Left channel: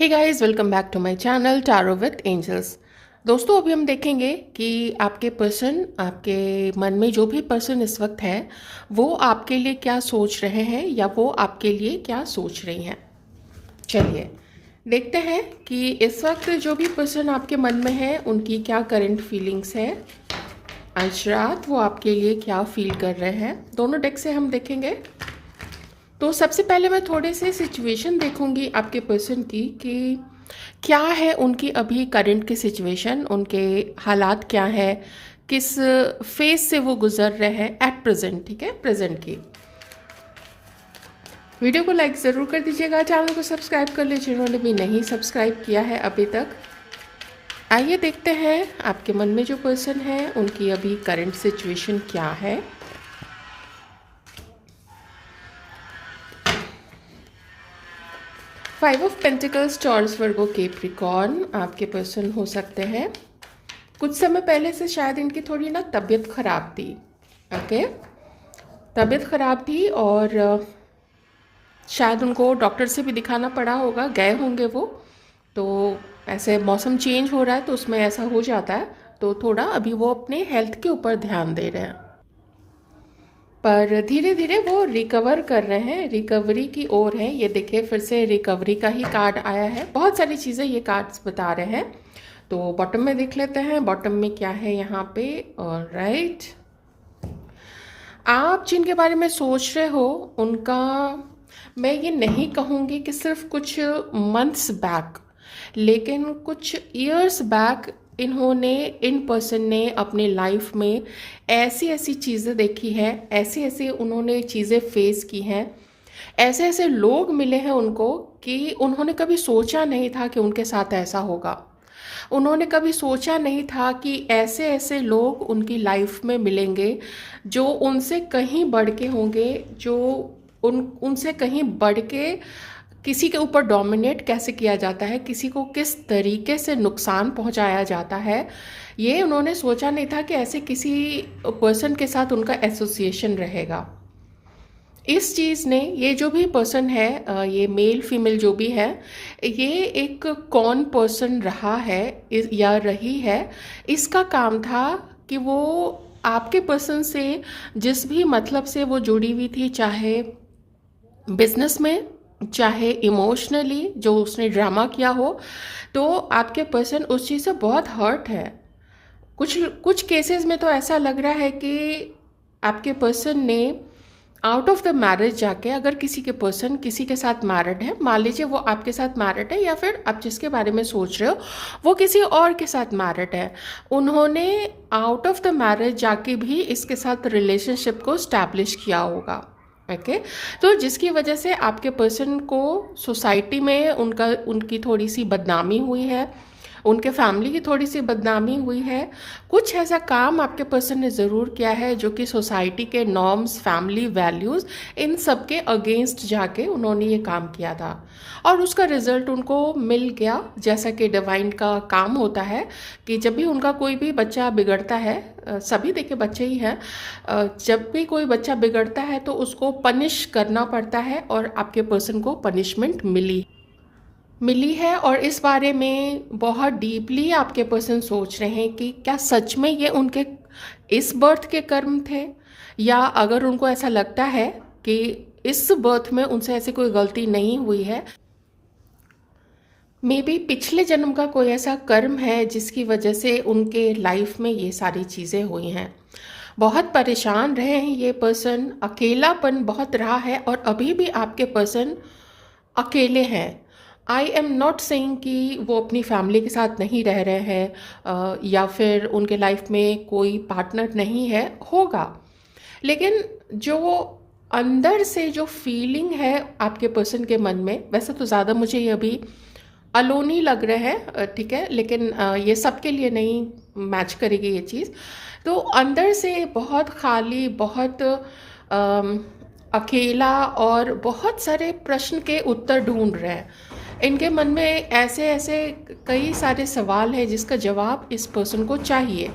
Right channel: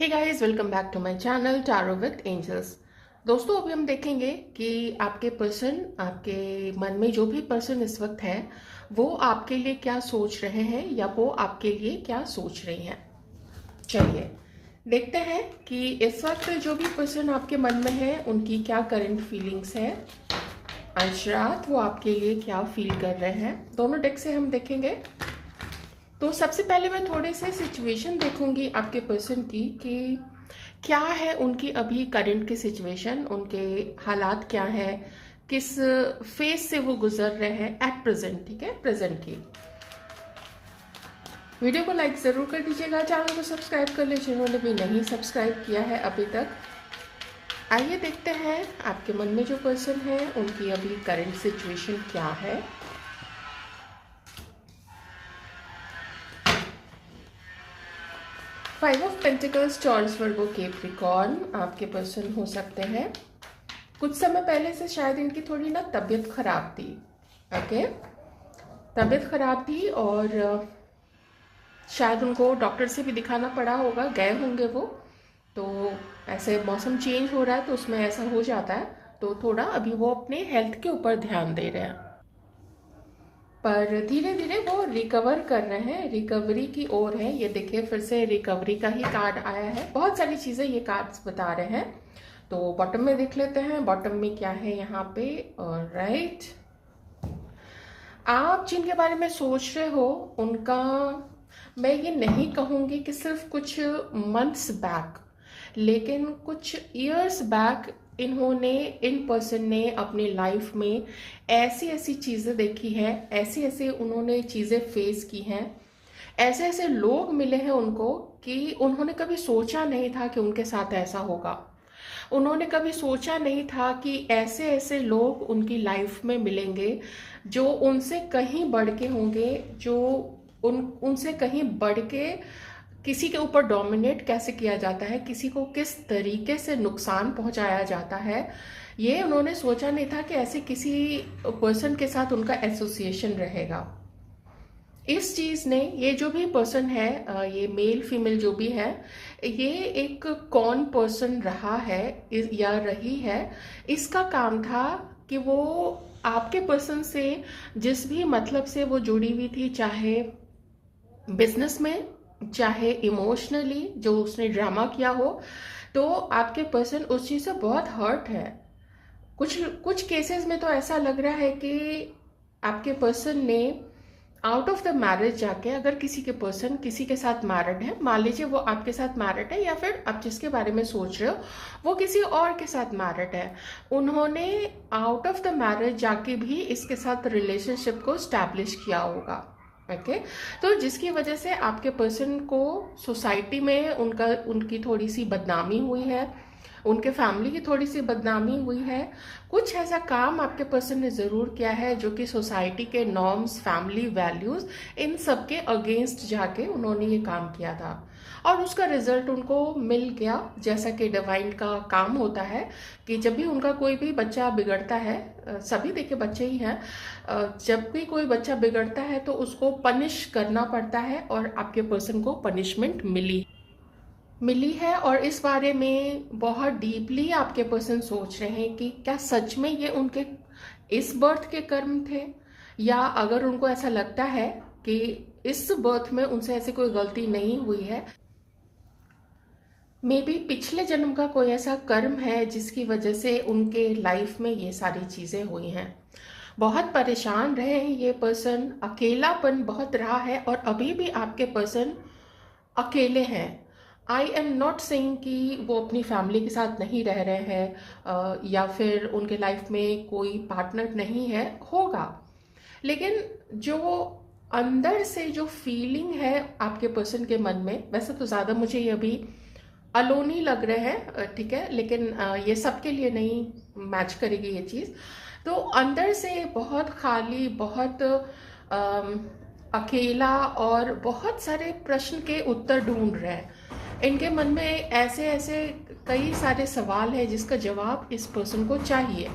Hey guys, welcome back to my channel tarot with angels. दोस्तों, अभी हम देखेंगे कि आपके पर्सन, आपके मन में जो भी पर्सन इस वक्त है, वो आपके लिए क्या सोच रहे हैं या वो आपके लिए क्या सोच रही हैं। चलिए देखते हैं कि इस वक्त जो भी पर्सन आपके मन में है उनकी क्या करंट फीलिंग्स है। आज रात वो आपके लिए क्या फील कर रहे हैं, दोनों डेक से हम देखेंगे। तो सबसे पहले मैं थोड़े से सिचुएशन देखूंगी आपके पर्सन की कि क्या है उनकी अभी करंट की सिचुएशन, उनके हालात क्या है, किस फेज से वो गुजर रहे हैं एट प्रेजेंट। ठीक है, प्रेजेंट की। वीडियो को लाइक ज़रूर कर दीजिएगा, चैनल को सब्सक्राइब कर लीजिए जिन्होंने भी नहीं सब्सक्राइब किया है अभी तक। आइए देखते हैं आपके मन में जो पर्सन है उनकी अभी करंट सिचुएशन क्या है। Five of pentacles, taurus, Virgo, Capricorn आपके पर्सन हो सकते हैं। कुछ समय पहले से शायद इनकी थोड़ी ना तबीयत खराब थी। ओके, तबीयत खराब थी और शायद उनको डॉक्टर से भी दिखाना पड़ा होगा, गए होंगे वो। तो ऐसे मौसम चेंज हो रहा है तो उसमें ऐसा हो जाता है, तो थोड़ा अभी वो अपने हेल्थ के ऊपर ध्यान दे रहे हैं। पर धीरे धीरे वो रिकवर कर रहे हैं, रिकवरी की ओर है। ये देखिए, फिर से रिकवरी का ही कार्ड आया है। बहुत सारी चीज़ें ये कार्ड्स बता रहे हैं। तो बॉटम में देख लेते हैं, बॉटम में क्या है यहाँ पे। राइट, आप जिनके बारे में सोच रहे हो उनका, मैं ये नहीं कहूँगी कि सिर्फ कुछ मंथ्स बैक, लेकिन कुछ ईयर्स बैक इन्होंने, इन पर्सन ने अपने लाइफ में ऐसी ऐसी चीज़ें देखी है, ऐसी ऐसी उन्होंने चीज़ें फेस की हैं, ऐसे ऐसे लोग मिले हैं उनको कि उन्होंने कभी सोचा नहीं था कि उनके साथ ऐसा होगा। उन्होंने कभी सोचा नहीं था कि ऐसे ऐसे लोग उनकी लाइफ में मिलेंगे जो उनसे कहीं बढ़ के होंगे, जो उनसे कहीं बढ़ के किसी के ऊपर डोमिनेट कैसे किया जाता है, किसी को किस तरीके से नुकसान पहुंचाया जाता है, ये उन्होंने सोचा नहीं था कि ऐसे किसी पर्सन के साथ उनका एसोसिएशन रहेगा। इस चीज़ ने, ये जो भी पर्सन है, ये मेल फीमेल जो भी है, ये एक कौन पर्सन रहा है या रही है, इसका काम था कि वो आपके पर्सन से जिस भी मतलब से वो जुड़ी हुई थी, चाहे बिजनेस में, चाहे इमोशनली जो उसने ड्रामा किया हो, तो आपके पर्सन उस चीज़ से बहुत हर्ट है। कुछ कुछ केसेस में तो ऐसा लग रहा है कि आपके पर्सन ने आउट ऑफ द मैरिज जाके, अगर किसी के पर्सन किसी के साथ मैरिड है, मान लीजिए वो आपके साथ मैरिड है या फिर आप जिसके बारे में सोच रहे हो वो किसी और के साथ मैरिड है, उन्होंने आउट ऑफ द मैरिज जाके भी इसके साथ रिलेशनशिप को स्टैब्लिश किया होगा। ओके, तो जिसकी वजह से आपके पर्सन को सोसाइटी में उनकी थोड़ी सी बदनामी हुई है, उनके फैमिली की थोड़ी सी बदनामी हुई है। कुछ ऐसा काम आपके पर्सन ने ज़रूर किया है जो कि सोसाइटी के नॉर्म्स, फैमिली वैल्यूज़, इन सब के अगेंस्ट जाके उन्होंने ये काम किया था और उसका रिजल्ट उनको मिल गया। जैसा कि डिवाइन का काम होता है कि जब भी उनका कोई भी बच्चा बिगड़ता है, सभी देखिए बच्चे ही हैं, जब भी कोई बच्चा बिगड़ता है तो उसको पनिश करना पड़ता है, और आपके पर्सन को पनिशमेंट मिली है। और इस बारे में बहुत डीपली आपके पर्सन सोच रहे हैं कि क्या सच में ये उनके इस बर्थ के कर्म थे, या अगर उनको ऐसा लगता है कि इस बर्थ में उनसे ऐसी कोई गलती नहीं हुई है, मे बी पिछले जन्म का कोई ऐसा कर्म है जिसकी वजह से उनके लाइफ में ये सारी चीज़ें हुई हैं। बहुत परेशान रहे हैं ये पर्सन, अकेलापन बहुत रहा है, और अभी भी आपके पर्सन अकेले हैं। आई एम नॉट सेइंग कि वो अपनी फैमिली के साथ नहीं रह रहे हैं, या फिर उनके लाइफ में कोई पार्टनर नहीं है, होगा, लेकिन जो अंदर से जो फीलिंग है आपके पर्सन के मन में, वैसे तो ज़्यादा मुझे ये अभी अलोन ही लग रहे हैं, ठीक है, लेकिन ये सबके लिए नहीं मैच करेगी ये चीज़। तो अंदर से बहुत खाली, बहुत अकेला, और बहुत सारे प्रश्न के उत्तर ढूंढ रहे हैं। इनके मन में ऐसे ऐसे कई सारे सवाल हैं जिसका जवाब इस पर्सन को चाहिए,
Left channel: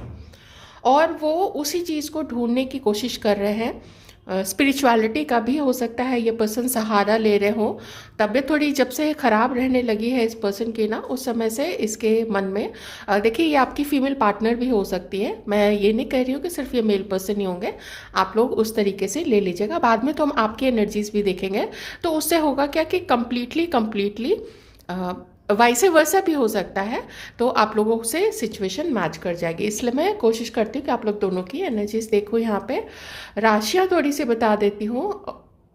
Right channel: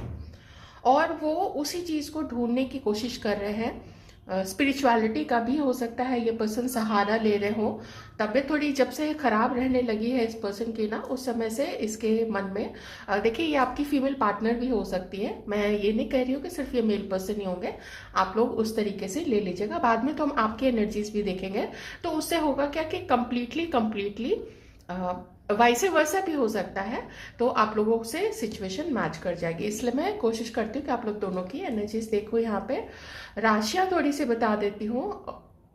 और वो उसी चीज़ को ढूंढने की कोशिश कर रहे हैं। स्पिरिचुअलिटी का भी हो सकता है, ये पर्सन सहारा ले रहे हो। तबीयत थोड़ी जब से ख़राब रहने लगी है इस पर्सन की ना, उस समय से इसके मन में देखिए ये आपकी फीमेल पार्टनर भी हो सकती है, मैं ये नहीं कह रही हूँ कि सिर्फ ये मेल पर्सन ही होंगे, आप लोग उस तरीके से ले लीजिएगा। बाद में तो हम आपकी एनर्जीज भी देखेंगे, तो उससे होगा क्या कि कंप्लीटली वाइसे वर्सा भी हो सकता है, तो आप लोगों से सिचुएशन मैच कर जाएगी। इसलिए मैं कोशिश करती हूँ कि आप लोग दोनों की एनर्जीज देखो। यहाँ पे राशियाँ थोड़ी सी बता देती हूँ।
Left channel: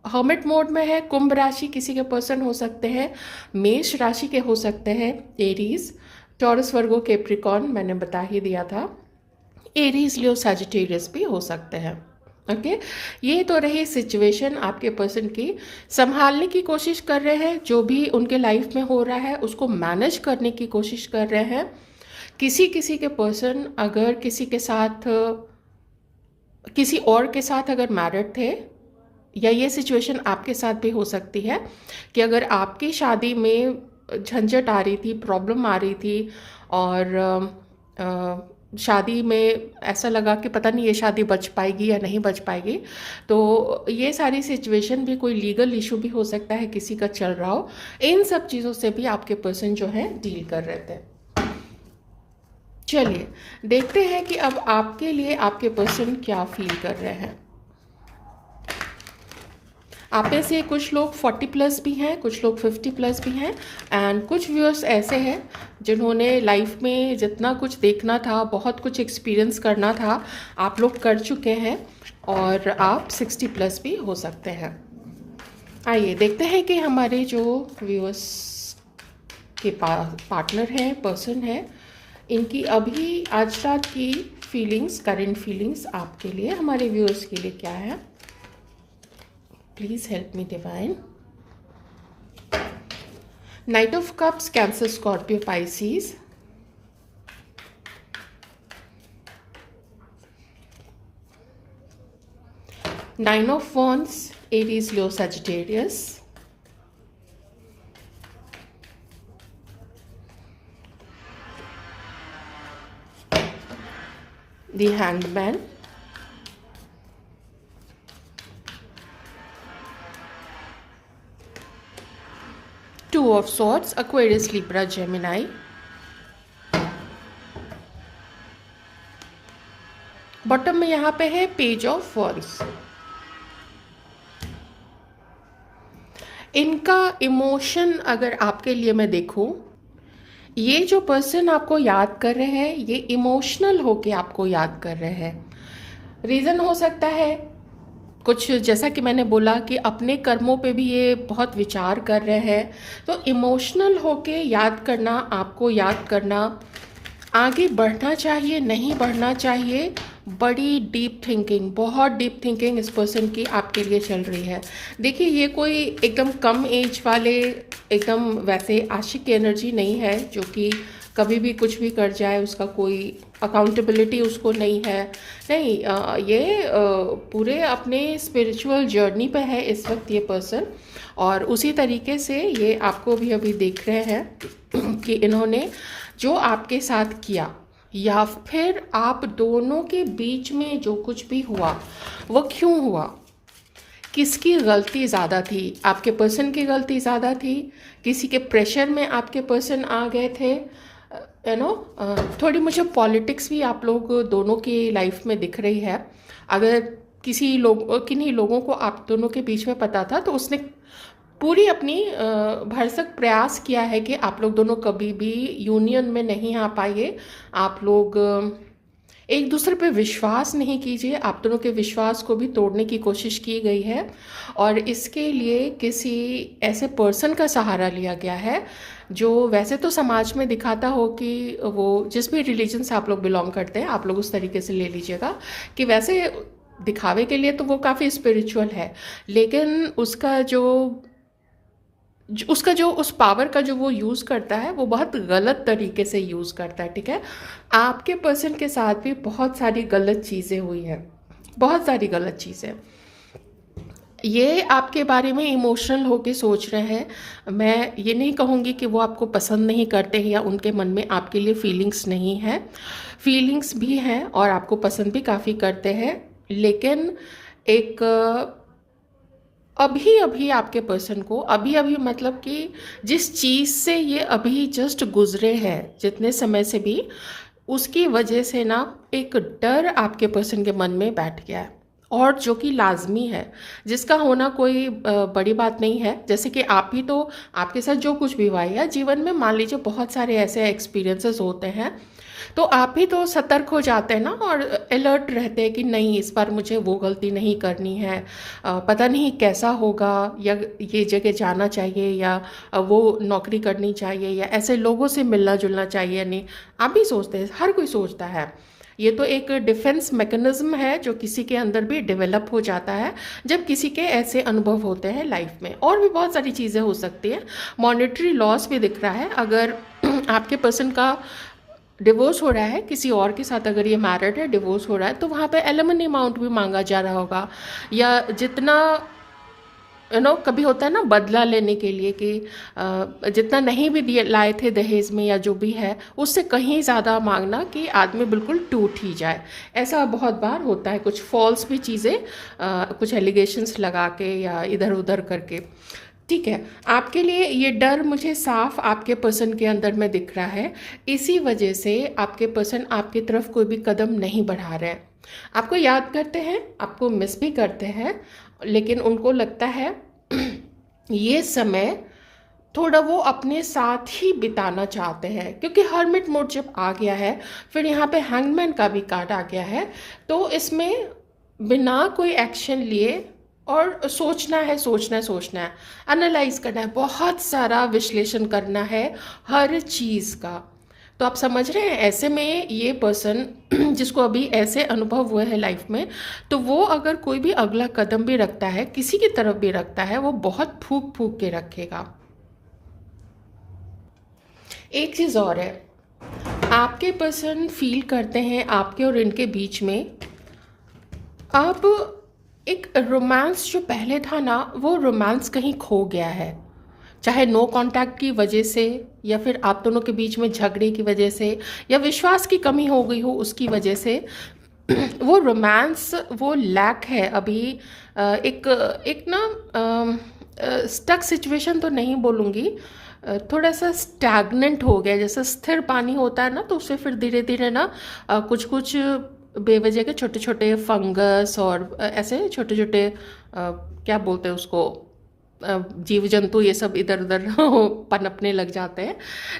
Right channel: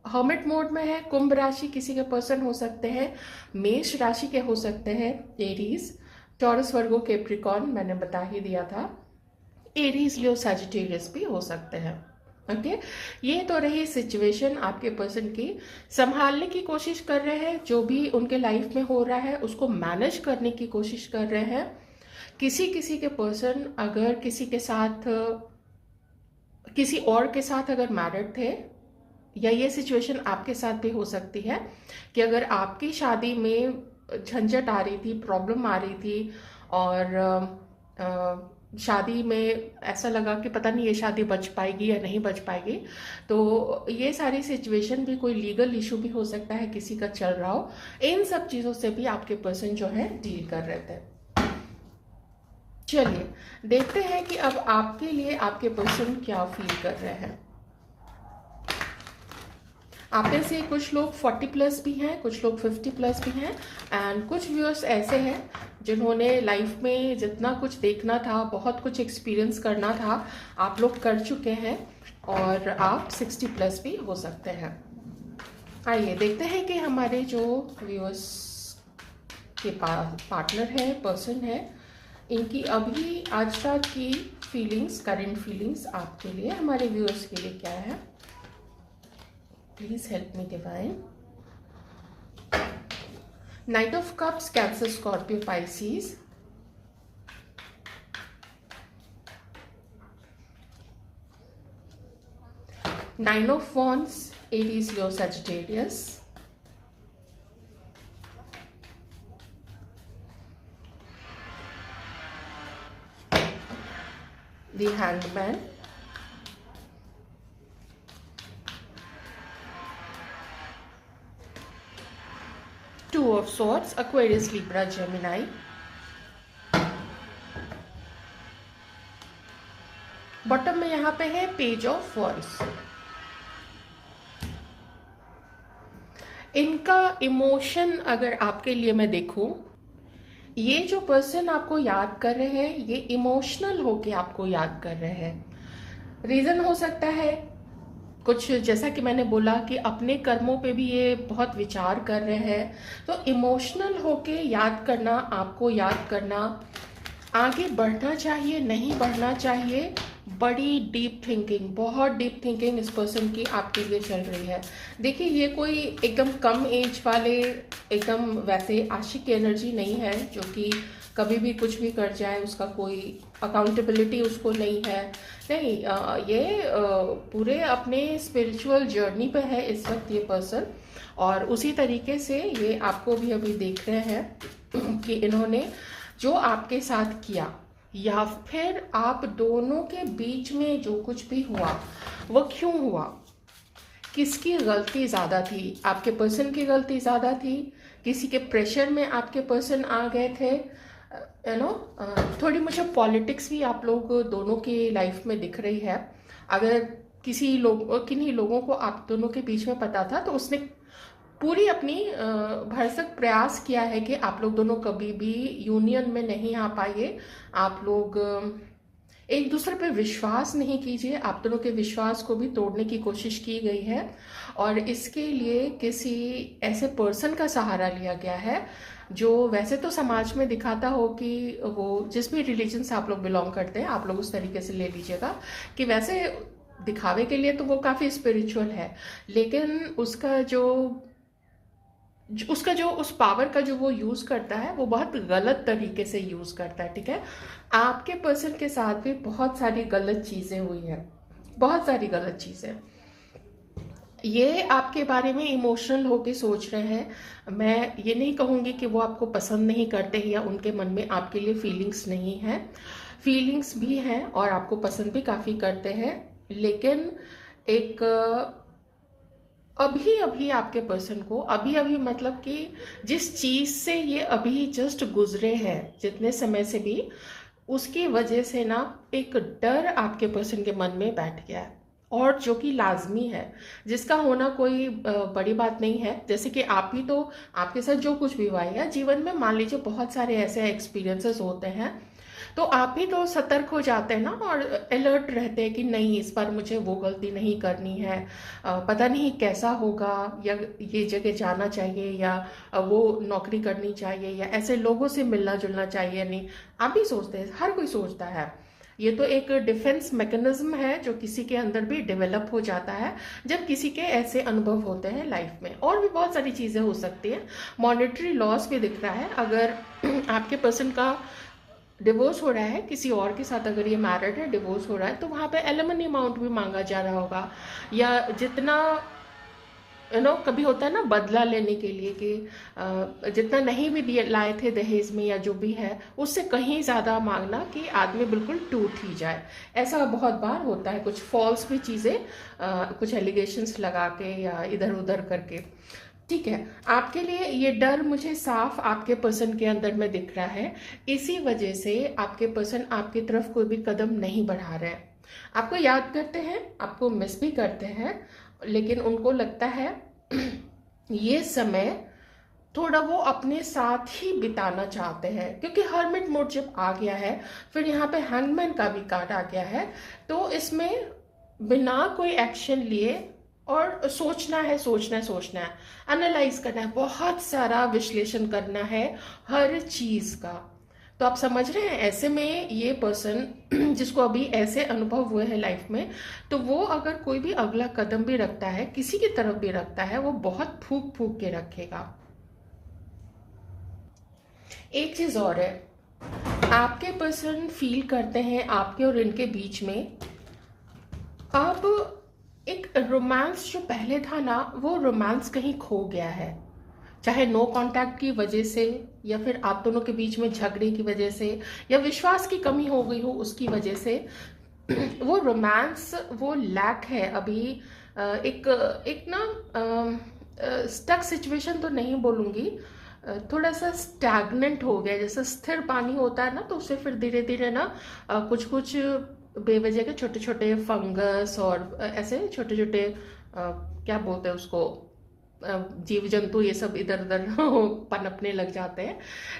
हर्मिट मोड में है, कुंभ राशि किसी के पर्सन हो सकते हैं, मेष राशि के हो सकते हैं, एरीज, टॉरस, वर्गो, कैप्रिकॉर्न मैंने बता ही दिया था, एरीज, लियो, सैजिटेरियस भी हो सकते हैं। ओके, ये तो रही सिचुएशन आपके पर्सन की। संभालने की कोशिश कर रहे हैं, जो भी उनके लाइफ में हो रहा है उसको मैनेज करने की कोशिश कर रहे हैं। किसी किसी के पर्सन अगर किसी के साथ, किसी और के साथ अगर मैरिड थे, या ये सिचुएशन आपके साथ भी हो सकती है कि अगर आपकी शादी में झंझट आ रही थी, प्रॉब्लम आ रही थी, और शादी में ऐसा लगा कि पता नहीं ये शादी बच पाएगी या नहीं बच पाएगी, तो ये सारी सिचुएशन भी, कोई लीगल इशू भी हो सकता है किसी का चल रहा हो, इन सब चीज़ों से भी आपके पर्सन जो है डील कर रहे थे। चलिए देखते हैं कि अब आपके लिए आपके पर्सन क्या फील कर रहे हैं। आप में से कुछ लोग 40 प्लस भी हैं, कुछ लोग 50 प्लस भी हैं, एंड कुछ व्यूअर्स ऐसे हैं जिन्होंने लाइफ में जितना कुछ देखना था, बहुत कुछ एक्सपीरियंस करना था, आप लोग कर चुके हैं, और आप 60 प्लस भी हो सकते हैं। आइए देखते हैं कि हमारे जो व्यूअर्स के पार्टनर हैं, पर्सन है, इनकी अभी आज रात की फीलिंग्स, करंट फीलिंग्स आपके लिए, हमारे व्यूअर्स के लिए क्या है। Please help me, Divine. Knight of Cups, Cancer, Scorpio, Pisces. Nine of Wands, Aries, Leo, Sagittarius. The Hanged Man. Two of Swords, Aquarius, Libra, Gemini. Bottom में यहाँ पे है पेज ऑफ वॉन्ड्स। इनका इमोशन अगर आपके लिए मैं देखूं, ये जो पर्सन आपको याद कर रहे हैं, ये इमोशनल होके आपको याद कर रहे हैं। रीज़न हो सकता है कुछ, जैसा कि मैंने बोला कि अपने कर्मों पे भी ये बहुत विचार कर रहे हैं, तो इमोशनल होके याद करना, आपको याद करना, आगे बढ़ना चाहिए नहीं बढ़ना चाहिए, बड़ी डीप थिंकिंग, बहुत डीप थिंकिंग इस पर्सन की आपके लिए चल रही है। देखिए ये कोई एकदम कम एज वाले, एकदम वैसे आशिक की एनर्जी नहीं है जो कि कभी भी कुछ भी कर जाए, उसका कोई अकाउंटेबिलिटी उसको नहीं है, नहीं, ये पूरे अपने स्पिरिचुअल जर्नी पे है इस वक्त ये पर्सन, और उसी तरीके से ये आपको भी अभी देख रहे हैं कि इन्होंने जो आपके साथ किया, या फिर आप दोनों के बीच में जो कुछ भी हुआ वो क्यों हुआ, किसकी गलती ज़्यादा थी, आपके पर्सन की गलती ज़्यादा थी, किसी के प्रेशर में आपके पर्सन आ गए थे, यू नो। थोड़ी मुझे पॉलिटिक्स भी आप लोग दोनों की लाइफ में दिख रही है। अगर किन्हीं लोगों को आप दोनों के बीच में पता था, तो उसने पूरी अपनी भरसक प्रयास किया है कि आप लोग दोनों कभी भी यूनियन में नहीं आ पाइए, आप लोग एक दूसरे पे विश्वास नहीं कीजिए, आप दोनों के विश्वास को भी तोड़ने की कोशिश की गई है, और इसके लिए किसी ऐसे पर्सन का सहारा लिया गया है जो वैसे तो समाज में दिखाता हो कि वो जिस भी रिलीजन से आप लोग बिलोंग करते हैं, आप लोग उस तरीके से ले लीजिएगा कि वैसे दिखावे के लिए तो वो काफ़ी स्पिरिचुअल है, लेकिन उसका जो उस पावर का जो वो यूज़ करता है वो बहुत गलत तरीके से यूज़ करता है, ठीक है। आपके पर्सन के साथ भी बहुत सारी गलत चीज़ें हुई हैं, बहुत सारी गलत चीज़ें। ये आपके बारे में इमोशनल होके सोच रहे हैं। मैं ये नहीं कहूँगी कि वो आपको पसंद नहीं करते हैं या उनके मन में आपके लिए फीलिंग्स नहीं है, फीलिंग्स भी हैं और आपको पसंद भी काफ़ी करते हैं, लेकिन एक अभी अभी आपके पर्सन को, अभी अभी मतलब कि जिस चीज़ से ये अभी जस्ट गुजरे हैं जितने समय से भी, उसकी वजह से ना एक डर आपके पर्सन के मन में बैठ गया है, और जो कि लाजमी है, जिसका होना कोई बड़ी बात नहीं है। जैसे कि आप ही तो, आपके साथ जो कुछ भी हुआ है या जीवन में मान लीजिए बहुत सारे ऐसे एक्सपीरियंसेस होते हैं, तो आप ही तो सतर्क हो जाते हैं ना, और अलर्ट रहते हैं कि नहीं, इस बार मुझे वो गलती नहीं करनी है, पता नहीं कैसा होगा, या ये जगह जाना चाहिए, या वो नौकरी करनी चाहिए, या ऐसे लोगों से मिलना जुलना चाहिए नहीं। आप भी सोचते हैं, हर कोई सोचता है। ये तो एक डिफेंस मैकेनिज्म है जो किसी के अंदर भी डेवलप हो जाता है जब किसी के ऐसे अनुभव होते हैं लाइफ में। और भी बहुत सारी चीज़ें हो सकती हैं, मॉनेटरी लॉस भी दिख रहा है। अगर आपके पर्सन का डिवोर्स हो रहा है किसी और के साथ, अगर ये मैरिड है, डिवोर्स हो रहा है, तो वहाँ पे एलिमनी अमाउंट भी मांगा जा रहा होगा, या जितना कभी होता है ना बदला लेने के लिए कि जितना नहीं भी दिए लाए थे दहेज में या जो भी है, उससे कहीं ज़्यादा मांगना कि आदमी बिल्कुल टूट ही जाए। ऐसा बहुत बार होता है, कुछ फॉल्स भी चीज़ें, कुछ एलिगेशंस लगा के या इधर उधर करके। ठीक है, आपके लिए ये डर मुझे साफ आपके पर्सन के अंदर में दिख रहा है। इसी वजह से आपके पर्सन आपकी तरफ कोई भी कदम नहीं बढ़ा रहे हैं। आपको याद करते हैं, आपको मिस भी करते हैं, लेकिन उनको लगता है ये समय थोड़ा वो अपने साथ ही बिताना चाहते हैं, क्योंकि हर्मिट मोड जब आ गया है, फिर यहाँ पे हैंगमैन का भी कार्ड आ गया है, तो इसमें बिना कोई एक्शन लिए और सोचना है, सोचना है, सोचना है, एनालाइज करना है, बहुत सारा विश्लेषण करना है हर चीज़ का। तो आप समझ रहे हैं, ऐसे में ये पर्सन जिसको अभी ऐसे अनुभव हुए हैं लाइफ में, तो वो अगर कोई भी अगला कदम भी रखता है, किसी की तरफ भी रखता है, वो बहुत फूक फूक के रखेगा। एक चीज़ और है, आपके पर्सन फील करते हैं आपके और इनके बीच में अब एक रोमांस जो पहले था ना, वो रोमांस कहीं खो गया है। चाहे नो कांटेक्ट की वजह से, या फिर आप दोनों के बीच में झगड़े की वजह से, या विश्वास की कमी हो गई हो उसकी वजह से, वो रोमांस वो लैक है अभी। एक एक ना स्टक सिचुएशन तो नहीं बोलूँगी, थोड़ा सा स्टैग्नेंट हो गया, जैसे स्थिर पानी होता है ना, तो उससे फिर धीरे धीरे ना कुछ कुछ बेवजह के छोटे छोटे फंगस और ऐसे छोटे छोटे क्या बोलते हैं उसको, जीव जंतु, ये सब इधर उधर पनपने लग जाते हैं।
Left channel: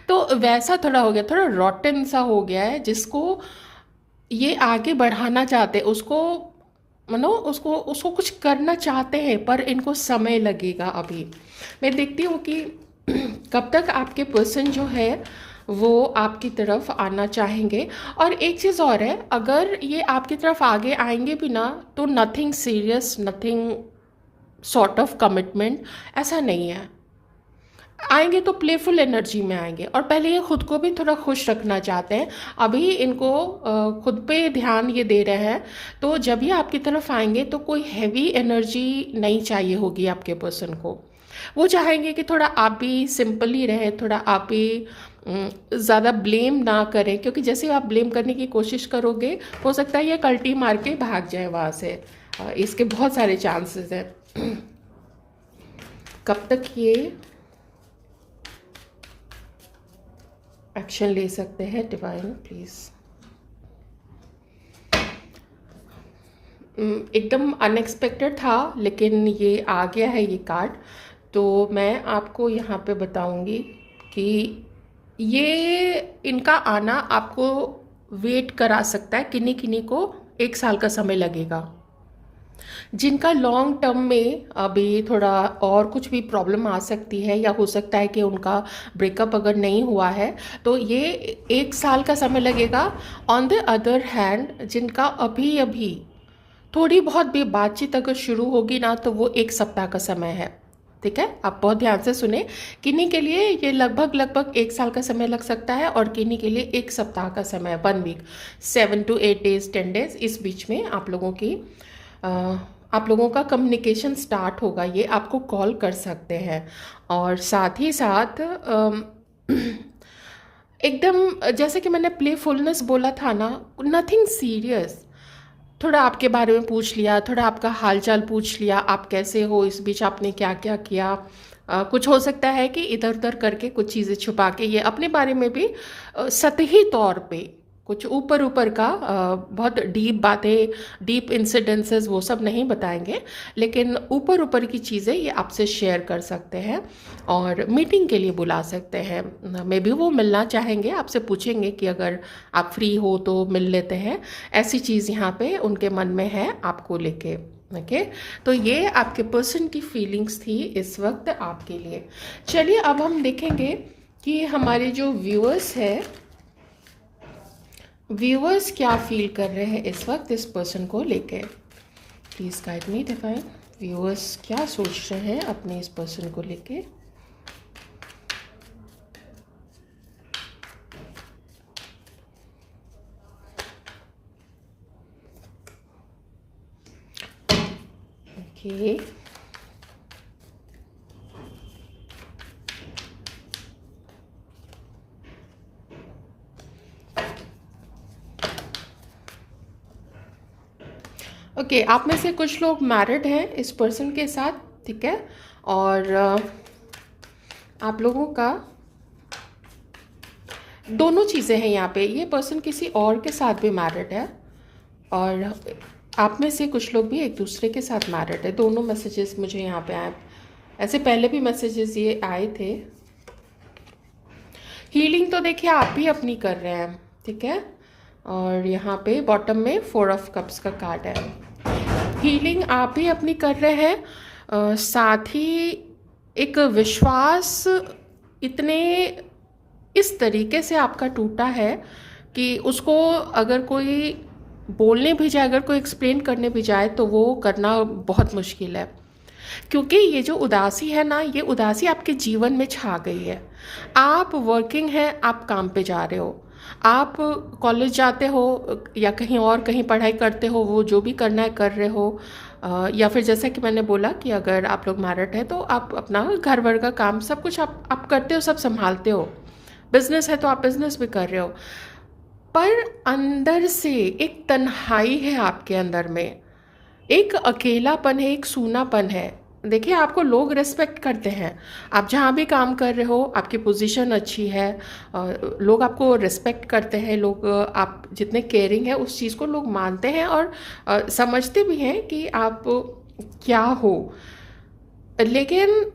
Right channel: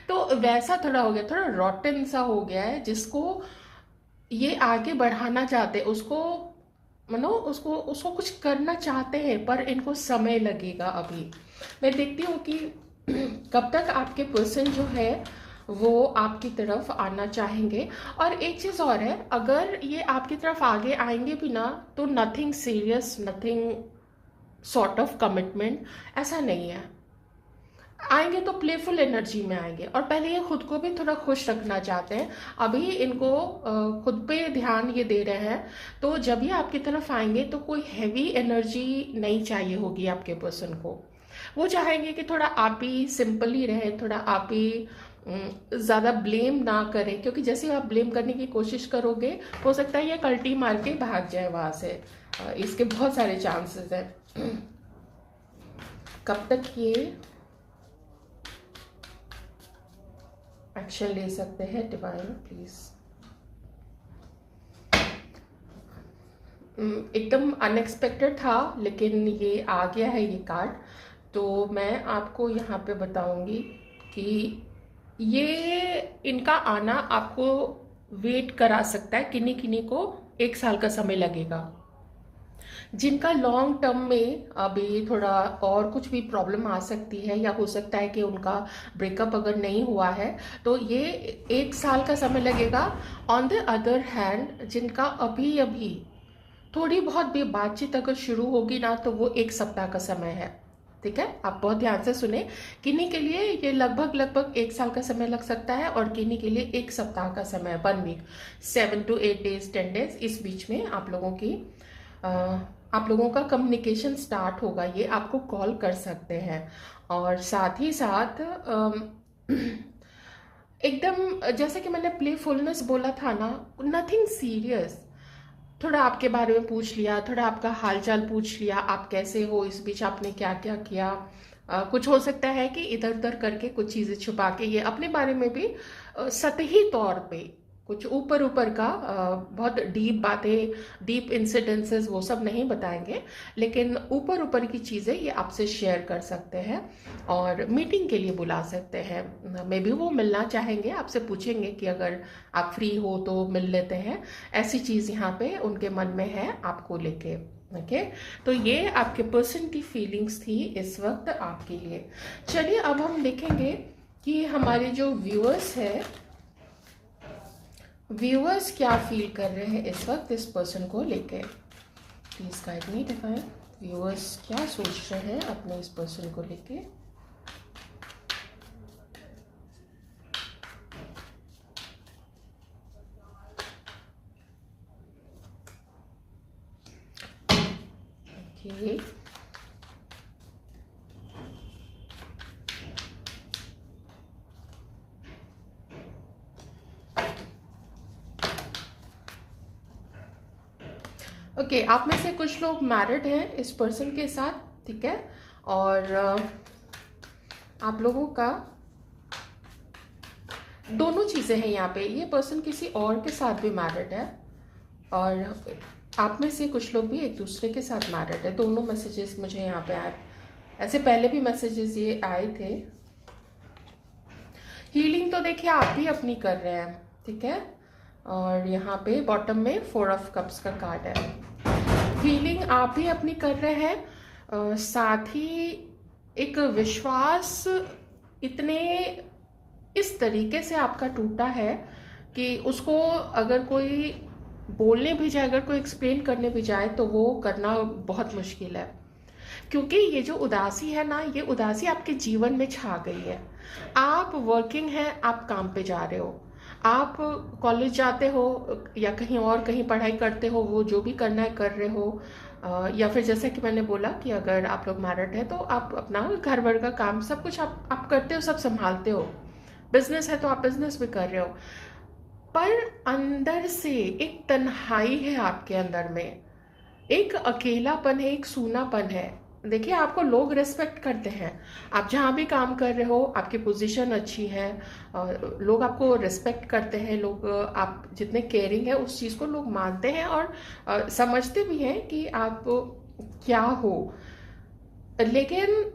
तो वैसा थोड़ा हो गया, थोड़ा रॉटन सा हो गया है, जिसको ये आगे बढ़ाना चाहते हैं, उसको उसको उसको कुछ करना चाहते हैं, पर इनको समय लगेगा। अभी मैं देखती हूँ कि कब तक आपके पर्सन जो है वो आपकी तरफ आना चाहेंगे। और एक चीज़ और है, अगर ये आपकी तरफ आगे आएंगे भी ना, तो nothing serious, nothing sort of commitment, ऐसा नहीं है। आएंगे तो प्लेफुल एनर्जी में आएंगे, और पहले ये खुद को भी थोड़ा खुश रखना चाहते हैं। अभी इनको खुद पे ध्यान ये दे रहे हैं, तो जब ये आपकी तरफ आएंगे तो कोई हैवी एनर्जी नहीं चाहिए होगी आपके पर्सन को। वो चाहेंगे कि थोड़ा आप भी सिंपल ही रहें, थोड़ा आप भी ज़्यादा ब्लेम ना करें, क्योंकि जैसे आप ब्लेम करने की कोशिश करोगे, हो सकता है ये कल्टी मार के भाग जाए वहाँ से। इसके बहुत सारे चांसेस हैं। कब तक ये एक्शन ले सकते हैं डिवाइन, प्लीज। एकदम अनएक्सपेक्टेड था, लेकिन ये आ गया है ये कार्ड। तो मैं आपको यहाँ पे बताऊंगी कि ये इनका आना आपको वेट करा सकता है, किन्हीं किन्हीं को 1 साल का समय लगेगा। जिनका लॉन्ग टर्म में अभी थोड़ा और कुछ भी प्रॉब्लम आ सकती है, या हो सकता है कि उनका ब्रेकअप अगर नहीं हुआ है, तो ये 1 साल का समय लगेगा। ऑन द अदर हैंड, जिनका अभी अभी थोड़ी बहुत भी बातचीत अगर शुरू होगी ना, तो वो 1 सप्ताह का समय है। ठीक है, आप बहुत ध्यान से सुने। किन्हीं के लिए ये लगभग लगभग 1 साल का समय लग सकता है, और किन्हीं के लिए 1 सप्ताह का समय, 1 वीक, 7 to 8 days, 10 days, इस बीच में आप लोगों का कम्युनिकेशन स्टार्ट होगा। ये आपको कॉल कर सकते हैं, और साथ ही साथ एकदम जैसे कि मैंने प्लेफुलनेस बोला था ना, नथिंग सीरियस, थोड़ा आपके बारे में पूछ लिया, थोड़ा आपका हालचाल पूछ लिया, आप कैसे हो, इस बीच आपने क्या क्या किया। कुछ हो सकता है कि इधर उधर करके कुछ चीज़ें छुपा के ये अपने बारे में भी सतही तौर पे कुछ ऊपर ऊपर का बहुत डीप बातें, डीप इंसिडेंसेस वो सब नहीं बताएंगे, लेकिन ऊपर ऊपर की चीज़ें ये आपसे शेयर कर सकते हैं और मीटिंग के लिए बुला सकते हैं। मे बी वो मिलना चाहेंगे, आपसे पूछेंगे कि अगर आप फ्री हो तो मिल लेते हैं। ऐसी चीज़ यहाँ पे उनके मन में है आपको लेके। ओके, तो ये आपके पर्सन की फीलिंग्स थी इस वक्त आपके लिए। चलिए अब हम देखेंगे कि हमारे जो व्यूअर्स हैं, व्यूअर्स क्या फील कर रहे हैं इस वक्त इस पर्सन को लेके। Please guide me divine, viewers क्या सोच रहे हैं अपने इस पर्सन को लेके। ओके, ओके, आप में से कुछ लोग मैरिड हैं इस पर्सन के साथ, ठीक है, और आप लोगों का दोनों चीज़ें हैं यहाँ पे। ये पर्सन किसी और के साथ भी मैरिड है और आप में से कुछ लोग भी एक दूसरे के साथ मैरिड है। दोनों मैसेजेस मुझे यहाँ पे आए, ऐसे पहले भी मैसेजेस ये आए थे। हीलिंग तो देखिए आप भी अपनी कर रहे हैं, ठीक है, और यहाँ पे बॉटम में 4 ऑफ कप्स का कार्ड है। हीलिंग आप भी अपनी कर रहे हैं, साथ ही एक विश्वास इतने इस तरीके से आपका टूटा है कि उसको अगर कोई बोलने भी जाए, अगर कोई एक्सप्लेन करने भी जाए तो वो करना बहुत मुश्किल है, क्योंकि ये जो उदासी है ना, ये उदासी आपके जीवन में छा गई है। आप वर्किंग हैं, आप काम पे जा रहे हो, आप कॉलेज जाते हो या कहीं और कहीं पढ़ाई करते हो, वो जो भी करना है कर रहे हो, या फिर जैसा कि मैंने बोला कि अगर आप लोग मैरिड है तो आप अपना घर वर का काम सब कुछ आप करते हो, सब संभालते हो। बिजनेस है तो आप बिजनेस भी कर रहे हो, पर अंदर से एक तन्हाई है आपके अंदर में, एक अकेलापन है, एक सूनापन है। देखिए आपको लोग रिस्पेक्ट करते हैं, आप जहाँ भी काम कर रहे हो आपकी पोजीशन अच्छी है, लोग आपको रिस्पेक्ट करते हैं, लोग आप जितने केयरिंग है उस चीज़ को लोग मानते हैं और समझते भी हैं कि आप क्या हो। लेकिन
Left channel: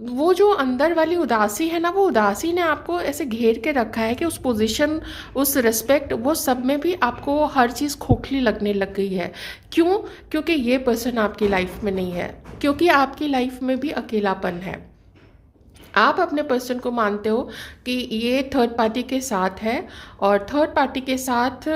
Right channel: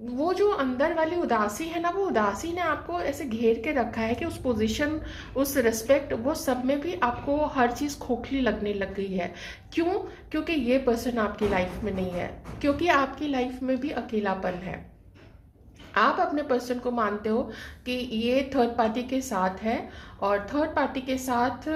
वो जो अंदर वाली उदासी है ना, वो उदासी ने आपको ऐसे घेर के रखा है कि उस पोजीशन, उस रिस्पेक्ट, वो सब में भी आपको हर चीज़ खोखली लगने लग गई है। क्यों? क्योंकि ये पर्सन आपकी लाइफ में नहीं है, क्योंकि आपकी लाइफ में भी अकेलापन है। आप अपने पर्सन को मानते हो कि ये थर्ड पार्टी के साथ है और थर्ड पार्टी के साथ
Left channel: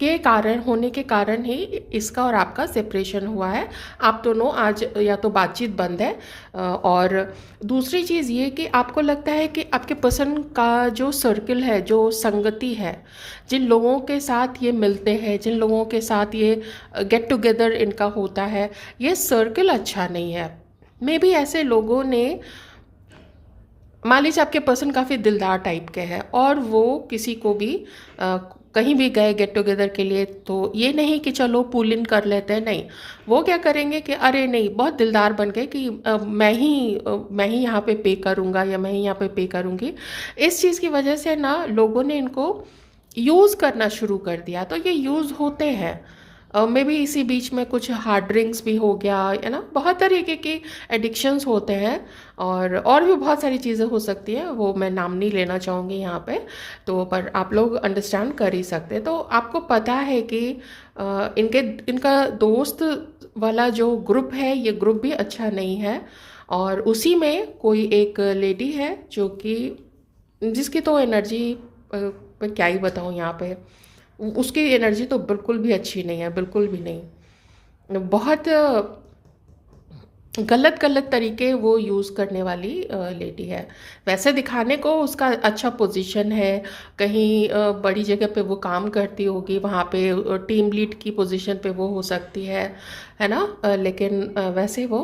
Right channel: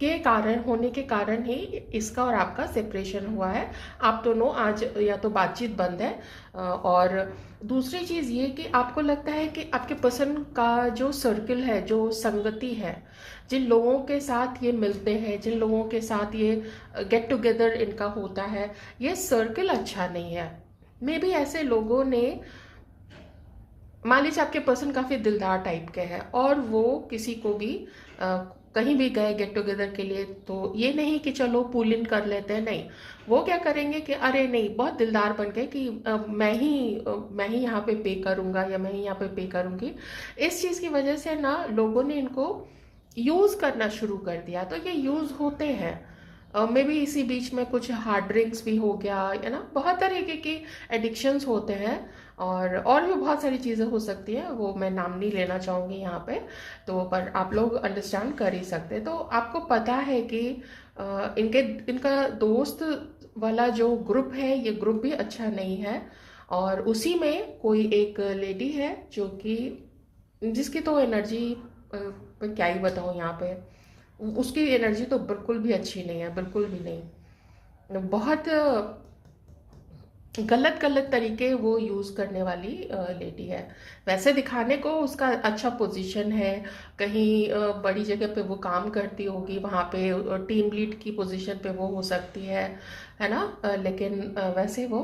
के कारण होने के कारण ही इसका और आपका सेपरेशन हुआ है। आप दोनों आज या तो बातचीत बंद है, और दूसरी चीज़ ये कि आपको लगता है कि आपके पर्सन का जो सर्कल है, जो संगति है, जिन लोगों के साथ ये मिलते हैं, जिन लोगों के साथ ये गेट टुगेदर इनका होता है, ये सर्कल अच्छा नहीं है। मे बी ऐसे लोगों ने, मान लीजिए आपके पर्सन काफ़ी दिलदार टाइप के हैं और वो किसी को भी कहीं भी गए गेट टुगेदर के लिए, तो ये नहीं कि चलो पुल इन कर लेते हैं, नहीं, वो क्या करेंगे कि अरे नहीं, बहुत दिलदार बन गए कि मैं ही यहाँ पे करूँगा या मैं ही यहाँ पे करूँगी। इस चीज़ की वजह से ना लोगों ने इनको यूज़ करना शुरू कर दिया, तो ये यूज़ होते हैं। मे बी इसी बीच में कुछ हार्ड ड्रिंक्स भी हो गया, है ना, बहुत तरीके की एडिक्शंस होते हैं और भी बहुत सारी चीज़ें हो सकती हैं, वो मैं नाम नहीं लेना चाहूँगी यहाँ पे, तो पर आप लोग अंडरस्टैंड कर ही सकते हैं। तो आपको पता है कि इनका दोस्त वाला जो ग्रुप है, ये ग्रुप भी अच्छा नहीं है, और उसी में कोई एक लेडी है जो कि जिसकी तो एनर्जी मैं क्या ही बताऊँ यहाँ पे, उसकी एनर्जी तो बिल्कुल भी अच्छी नहीं है, बिल्कुल भी नहीं। बहुत गलत गलत तरीके वो यूज़ करने वाली लेडी है। वैसे दिखाने को उसका अच्छा पोजीशन है, कहीं बड़ी जगह पे वो काम करती होगी, वहाँ पे टीम लीड की पोजीशन पे वो हो सकती है ना, लेकिन वैसे वो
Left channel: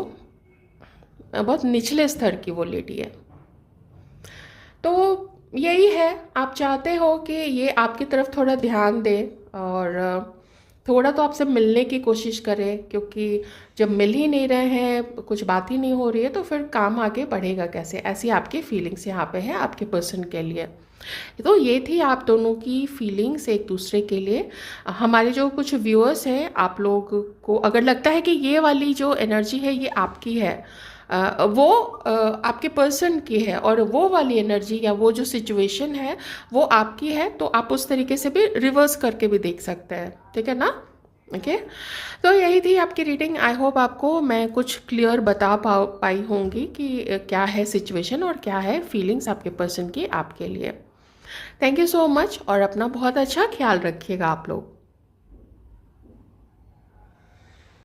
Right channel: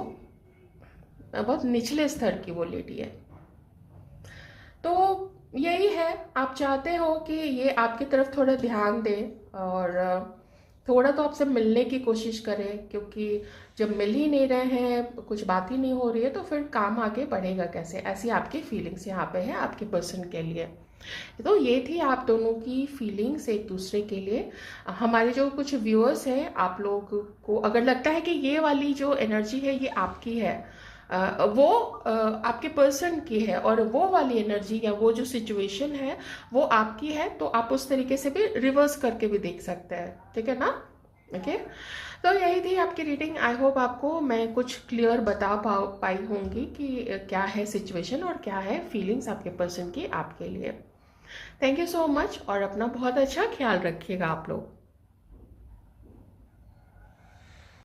बहुत निचले स्तर की वो लेडी है। तो यही है, आप चाहते हो कि ये आपकी तरफ थोड़ा ध्यान दे और थोड़ा तो आपसे मिलने की कोशिश करें, क्योंकि जब मिल ही नहीं रहे हैं, कुछ बात ही नहीं हो रही है, तो फिर काम आगे बढ़ेगा कैसे। ऐसी आपकी फीलिंग्स यहाँ पे है आपके पर्सन के लिए। तो ये थी आप दोनों की फीलिंग्स एक दूसरे के लिए। हमारे जो कुछ व्यूअर्स हैं, आप लोग को अगर लगता है कि ये वाली जो एनर्जी है ये आपकी है, वो आपके पर्सन की है, और वो वाली एनर्जी या वो जो सिचुएशन है वो आपकी है, तो आप उस तरीके से भी रिवर्स करके भी देख सकते हैं, ठीक है ना। ओके, तो यही थी आपकी रीडिंग। आई होप आपको मैं कुछ क्लियर बता पाई होंगी कि क्या है सिचुएशन और क्या है फीलिंग्स आपके पर्सन की आपके लिए। थैंक यू सो मच, और अपना बहुत अच्छा ख्याल रखिएगा आप लोग।